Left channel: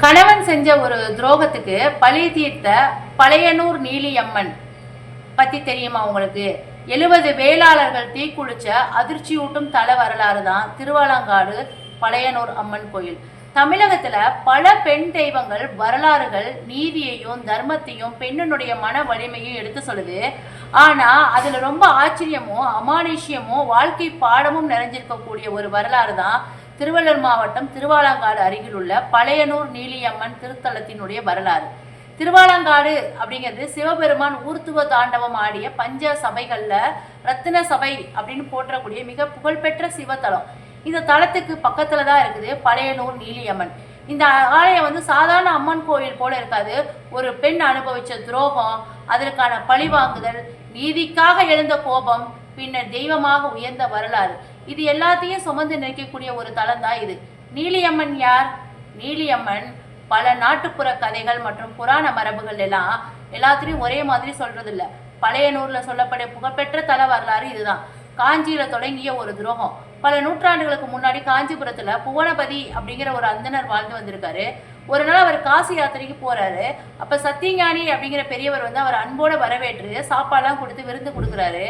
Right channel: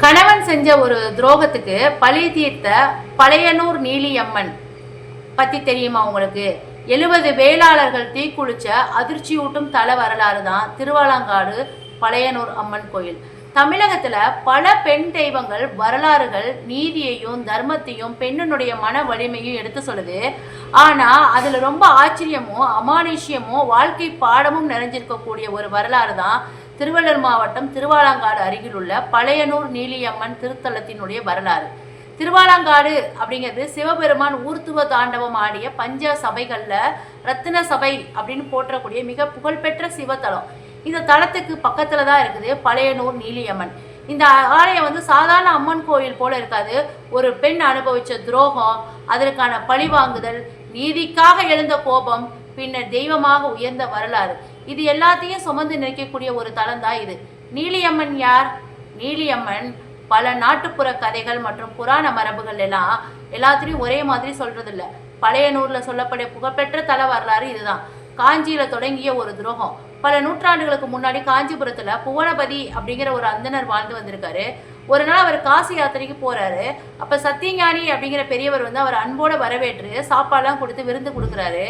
கணவன் செஞ்ச ஒரு துரோகத்துக்கு பழி தீர்த்த பழையனூர் நீலியம்மன் பத்தி தெரியுமா உங்களுக்கு? 70 வேளாளர்கள் தீக்குளிச்ச அதிர்ச்சியூட்டும் தல வரலாறு தான் திருவாலங்காடு பழையனூர் அம்மன் கோயில். தமிழகத்துல பல பெண் தெய்வங்கள் வரலாறுகள் நீதியையும் தர்மத்தையும் பெண்ணினுடைய மன வலிமையும் எடுத்து சொல்லுது. ஆனா அதுல ரொம்ப ஆச்சரியமும் அமானுஷ்யமும் வாழ்க்கை பாடமும் நிறைஞ்சிருக்கக்கூடிய ஒரு வரலாறு தான் திருவள்ளூர் மாவட்டம் திருவாலங்காடு அருகில் உள்ள பழையனூர் நீலியம்மன் திருத்தலத்தினுடைய வரலாறு. திருவாலங்காடு அப்படிங்கிறது சிவபெருமான் ஊர்த்துவ தாண்டவம் ஆடிய பஞ்ச சபைகள்ல ரத்தின சபை அப்படின்னு போற்றக்கூடிய மிக புகழ்பெற்ற சிவத்தலம். இந்த தலத்துக்கு பக்கத்துல தான் இருக்குது பழையனூர் நீலியம்மன். இந்த ஆலயம் வந்து சாதாரண அம்மன் கோயில் போல இருக்காது. ஒரு பெண் அனுபவிச்ச துரோகம், அதற்கான பழிவாங்குதல், நீதிக்காக எழுந்த கோபம், பின்னர் தெய்வமாக உயர்ந்த வரலாறு, இது எல்லாத்தையும் சுமந்து நிற்கக்கூடிய ஒரு தலம் தான் இது. நீலியம்மன் யார்? நீலியம்மன் பல நாட்டுப்புற கதைகள் மற்றும் புராண மரபுகள் எல்லாத்திலையும் ஒரே மாதிரி சொல்றது இல்லை. பழையனூர்ல சொல்லப்படைய புகழ்பெற்ற தல வரலாறு இதுதான். காஞ்சியில தொடங்கிய ஒரு துரோகம். பல நூற்றாண்டுகளுக்கு முன்னாடி காஞ்சிபுரத்துல புவனபதி அப்படிங்கிற ஒரு அந்தனர் வாழ்ந்து வந்திருக்காரு. ஒரு நாள் அவர் காசி யாத்திரைக்கு போறாரு. அப்ப சத்தியஞானி அப்படிங்கிற பெரியவர் வந்து அவர் அன்போட வரவேற்று சாப்பாடுலாம் கொடுத்து விருந்து கொடுக்குறாரு.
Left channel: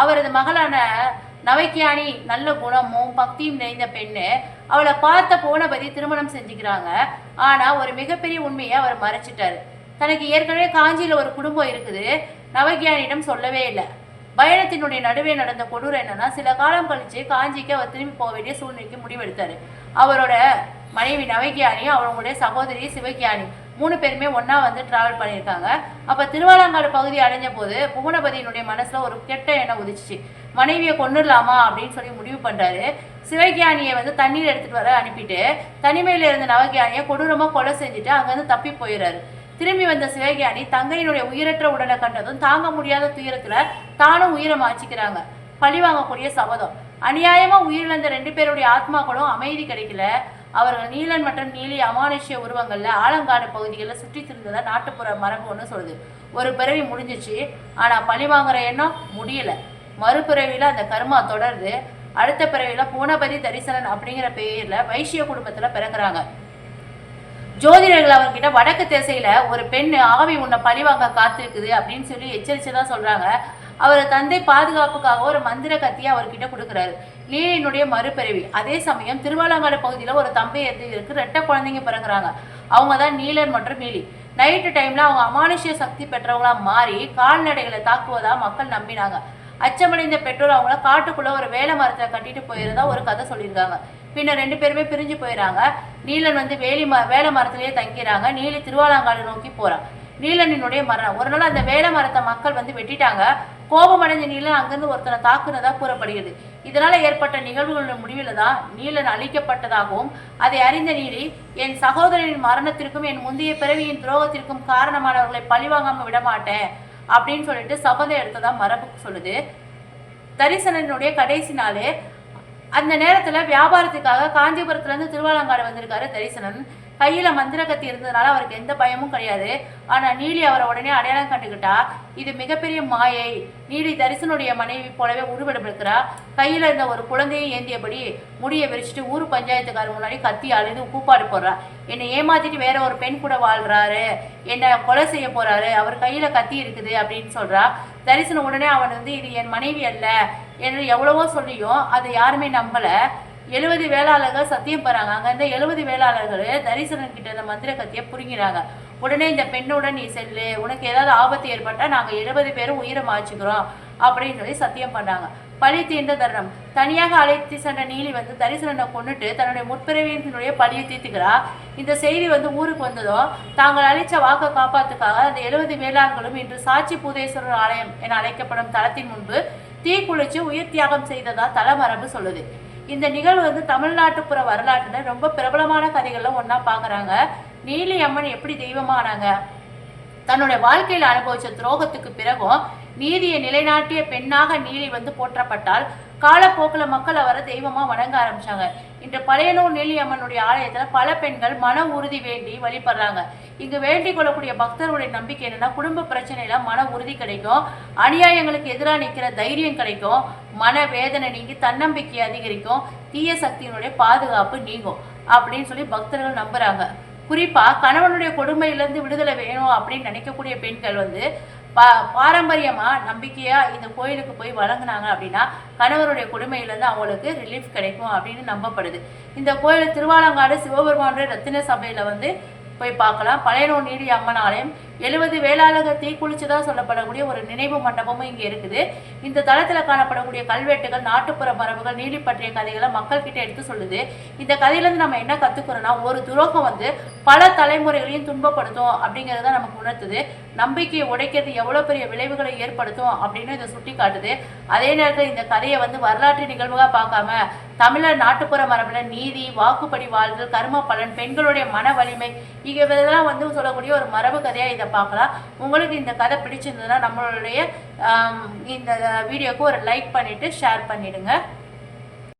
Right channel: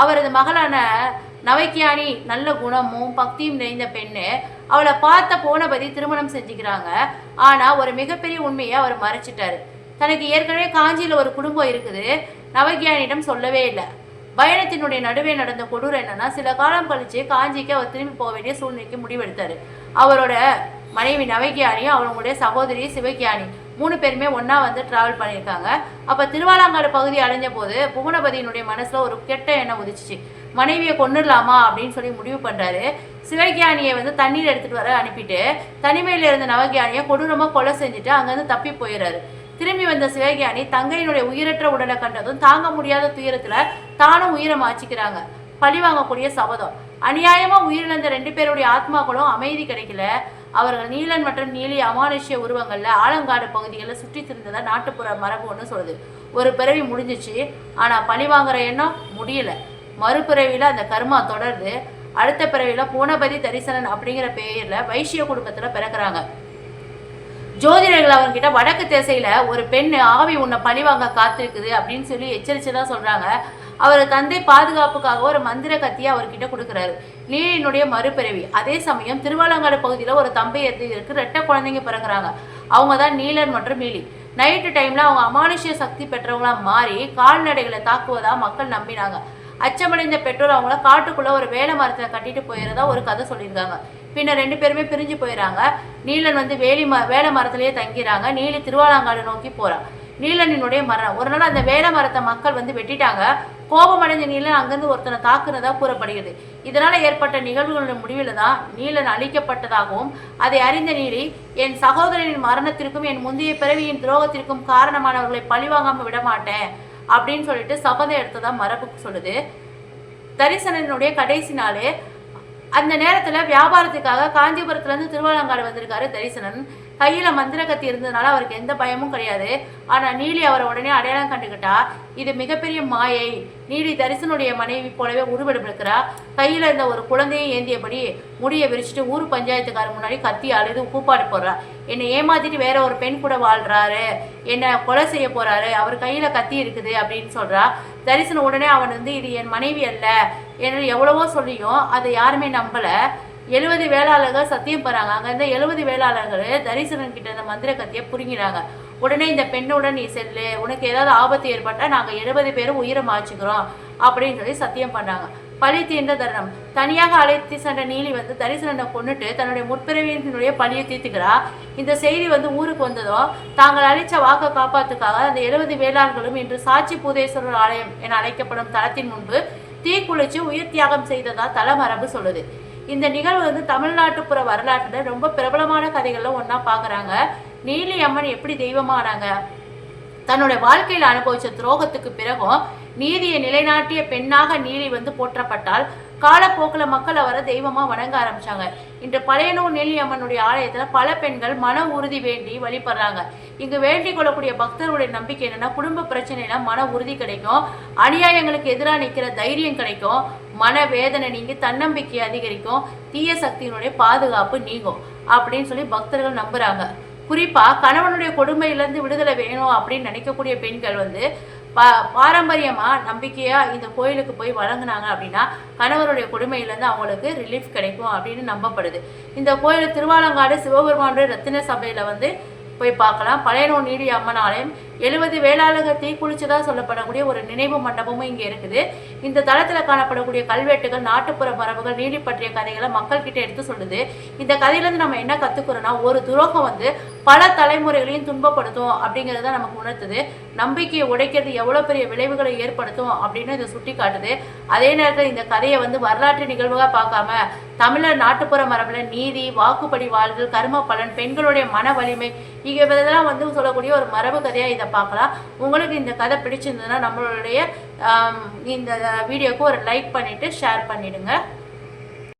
அவரது மகளான நவைக்கியானி நல்ல குணமும் பக்தியும் நிறைந்த பெண்ணு. அவளை பார்த்த புவனபதி திருமணம் செஞ்சுக்கிறாங்க. ஆனா ஒரு மிகப்பெரிய உண்மையை அவர் மறைச்சிட்டாரு. தனக்கு ஏற்கனவே காஞ்சியில ஒரு குடும்பம் இருக்குது, நவைக்கியானிடம் சொல்லவே இல்லை. பயணத்தினுடைய நடுவே நடந்த கொடூரம் என்னன்னா, சில காலம் கழிச்சு காஞ்சிக்கு அவர் திரும்பி போக வேண்டிய சூழ்நிலைக்கு முடிவெடுத்தாரு. அவரோட மனைவி நவைக்கியானியும் அவங்களுடைய சகோதரி சிவக்கியானி 3 பேருமே ஒன்னா வந்து டிராவல் பண்ணியிருக்காங்க. அப்ப திருவாலங்காடு பகுதி அடைஞ்ச போது புவனபதியினுடைய மனசுல ஒரு கெட்ட எண்ணம் உதிச்சிச்சு. மனைவியை கொண்டுடலாமா அப்படின்னு சொல்லி முடிவு பண்றாரு. சிவகியானியை வந்து தண்ணீர் எடுத்துட்டு வர அனுப்பிட்டு தனிமையில இருந்த நவகியானியை கொடூரமா கொலை செஞ்சுட்டு அங்கிருந்து தப்பி போயிடுறாரு. திரும்பி வந்த சிவகியானி தங்கையினுடைய உயிரற்ற உடலை கண்டதும் தாங்க முடியாத துயரத்துல தானும் உயிரை மாச்சிக்கிறாங்க. பழி வாங்கக்கூடிய சபதம். அநியாயமா உயிரிழந்த 2 பேருடைய ஆத்மாக்களும் அமைதி கிடைக்கல. அவர்கள் நீலன் மற்றும் நீலி அமானுஷ்ய உருவங்கள்ல ஆலங்காடு பகுதிகளில் சுற்றி திரிந்ததா நாட்டுப்புற மரபு ஒன்று சொல்லுது. ஒரு பிறவி முடிஞ்சிச்சு, ஆனா பழி வாங்குற எண்ணம் முடியல. மறுபிறவியில அந்த கர்மா தொடருது. அடுத்த பிறவியில பூனபதி தரிசனன் அப்படிங்கிற பெயர்ல வைசிய குடும்பத்துல பிறக்கிறாங்க. ஜோதிடர்கள் அவர்கிட்ட வடக்கு திசையில ஒரு பெண் ஆவி உன்னை பழிவாங்க காத்திருக்குது அப்படின்னு சொல்லி எச்சரிச்சுதான் சொல்றாங்க. அவர் தந்தை பாதுகாப்புக்காக ஒரு மந்திர கத்தியை அவர்கிட்ட கொடுக்குறாரு. நீலியினுடைய மறுபிறவி. அதே சமயம் திருவாலங்காடு பகுதியில ஒரு தம்பதியருக்கு 2 குழந்தைங்க பிறகுறாங்க. அவங்க தான் நீலன் மற்றும் நீலி. நைட்டு டைம்ல அவங்க அமானுஷ்ய சக்தி பெற்றவங்களா மாறி கால்நடைகளை தாக்குவதா மக்கள் நம்பினாங்க. அச்சமடைந்த பெற்றோர் அவங்கள காட்டுக்குள்ள ஒரு வேலை மரத்தை கட்டிட்டு போயிருந்தா ஒரு கதை சொல்லியிருக்காங்க. பின்னர் 2 பேருமே பிரிஞ்சு போயிடறாங்க. நீலன் வந்து வேலை மரத்திலேயே தங்கிறாங்க. நீலி திருவாலங்காடு நோக்கி போறான். நீலனினுடைய மரணம். ஒரு நாள் அந்த வேலை மரத்தை மக்கள் வந்து வெட்டிட்டாங்க. கோபமடைஞ்ச நீலன் அங்கிருந்து ஒருத்தனை தாக்குனதா கூறப்படுகிறது. இதனால ஏற்பட்ட நிகழ்வுகளுடைய முடிவில் தான் நீலன் அழிக்கப்பட்டதாகவும் அதை அறிந்த நீலி என் சகோதரனின் மரணத்திற்கும் என் முந்தைய பிறவியின் துரோகத்திற்கும் காரணமானவர்களை பழிவாங்காம விடமாட்டேன் அப்படின்னு சொல்லிட்டு சபதம் எடுத்ததா மரபு சொல்லுது. தரிசனனுடைய கடைசி நாளே அந்த நேரத்துல வியாபாரத்துக்காக காஞ்சிபுரத்துல இருந்து திருவாலங்காடு வந்திருக்காரு தரிசனன். கையில மந்திர கத்தி இருந்ததுனால அவருக்கு எந்த பயமும் கிடையாது. ஆனா நீலி அவரை உடனே அடையாளம் கண்டுகிட்டா. இது மிகப்பெரிய மாயை. நீலி தரிசனுடைய மனைவி போலவே உருவெடுக்கிறா. கையில இருந்த ஒரு குழந்தையை ஏந்தியபடி முடியை விரிச்சிட்டு ஊர் பஞ்சாயத்துக்காரர் முன்னாடி கத்தி அழுது கூப்பாடு போடுறா. என்னை ஏமாத்திட்டு வேற ஒரு பெண் கூட வாழ்றாரு, என்னை கொலை செய்ய போறாரு, அவர் கையில கத்தி இருக்குது அப்படின்னு சொல்றா. தரிசனம் உடனே அவன் வந்து இது என் மனைவி அல்ல என்று எவ்வளவோ சொல்லியும் அதை யாருமே நம்பல. 70 வேளாளர்கள் சத்தியம் போறாங்க. அங்க இருந்த 70 வேளாளர்கள் தரிசனன் கிட்ட இந்த மந்திர கத்தியை புரிங்கிறாங்க. உடனே இந்த பெண்ணுடன் நீ செல்லு, உனக்கு ஏதாவது ஆபத்து ஏற்பட்டா நாங்க 70 பேரும் உயிரை மாச்சுக்கிறோம் அப்படின்னு சொல்லி சத்தியம் பண்ணாங்க. பழி தீர்ந்த தருணம். தனியாக அழைத்து சென்ற நீலி வந்து தரிசனனை கொண்டுட்டு தன்னுடைய முற்பிறவியினுடைய பழியை தீர்த்துக்கிறா. இந்த செய்தி வந்து ஊருக்கு வந்ததும் தாங்கள் அளித்த வாக்கை காப்பாத்துக்காக அந்த 70 வேளாளர்களும் இன்று சாட்சி பூதேஸ்வரர் ஆலயம் என அழைக்கப்படும் தலத்தின் முன்பு தீக்குளிச்சு உயிர் தியாகம் செய்ததா தல மரபு சொல்லுது. இந்த நிகழ்வு வந்து தமிழ்நாட்டுப்புற வரலாற்றுல ரொம்ப பிரபலமான கதைகள்ல ஒன்னா பாக்குறாங்க. நீலி அம்மன் எப்படி தெய்வமானாங்க? தன்னுடைய வாழ்க்கையில அனுபவிச்ச துரோகத்துக்கு பிறகும் நீதியை நிலைநாட்டிய பெண்ணாக நீலி வந்து போற்றப்பட்டால் காலப்போக்கில் மக்கள் அவரை தெய்வமா வணங்க ஆரம்பிச்சாங்க. இன்று பழையனூர் நீலி அம்மனுடைய ஆலயத்துல பல பெண்கள் மன உறுதி வேண்டி வழிபடுறாங்க. இங்கு வேண்டிக் கொள்ளக்கூடிய பக்தர்களுடைய நம்பிக்கை என்னன்னா, குடும்ப பிரச்சனையில மன உறுதி கிடைக்கும், அநியாயங்களுக்கு எதிராக நிற்கிற தைரியம் கிடைக்கும், மன வேதனை நீங்கி தன்னம்பிக்கை அதிகரிக்கும், தீய சக்தியினுடைய பாதுகாப்பு நீங்கும். அப்படின்னு சொல்லி பக்தர்கள் நம்புறாங்க. குறிப்பாக கணவனுடைய கொடுமையிலேருந்து விடுதலை வேணும் அப்படின்னு நினைக்கக்கூடிய பெண்கள் வந்து பாரம்பரியமாக நம்பிக்கையாக இந்த கோயிலுக்கு போய் வழங்கினாங்க அப்படின்னா கணவருடைய கொடுமையிலேருந்து அவங்களுக்கு ரிலீஃப் கிடைக்கும் அப்படின்னு நம்பப்படுது. இந்த கோயில் திருவாலங்காடு சிவபெருமானுடைய ரத்தின சபையில் வந்து போய் பார்க்கலாம். பழையனூர் நீலி அம்மன் ஆலயம் 70 வேளாளர்கள் தீக்குளிச்சதாக சொல்லப்படக்கூடிய ஒரு நினைவு மண்டபமும் இங்கே இருக்குது. இந்த தளத்தில் காணப்படக்கூடிய கல்வெட்டுகள், நாட்டுப்புற மரபுகள், நீலி பற்றிய கதைகளை மக்கள்கிட்ட எடுத்து சொல்லுது. இந்த கதையிலேருந்து நம்ம என்ன கற்றுக்கிறோன்னா, ஒரு துரோகம் வந்து பல தலைமுறைகளையும் துன்பப்படுத்தும் அப்படிங்கிறத நமக்கு உணர்த்துது. நம்பிக்கையை உடைக்கிறது எவ்வளோ பெரிய விளைவுகளை ஏற்படுத்தும் அப்படின்னு இதை சுட்டி காட்டுது. அதே நேரத்தில் இந்த கதையை வந்து வரலாற்று நிகழ்வுகளாக பார்க்காம தமிழர் நாட்டுப்புற மரபில் நீதி, வாக்குப்படி வாழ்தல், கர்ம பலன், பெண்களுடைய மன வலிமை இதெல்லாம் வந்து சொல்லக்கூடிய ஒரு மரபு கதையாக இதை பார்க்கலாம். உங்களுக்கு இந்த கதை பிடிச்சிருந்ததுன்னா நம்மளுடைய இந்த வீடியோக்கு ஒரு லைக் பண்ணிவிட்டு ஷேர் பண்ணிவிடுங்க.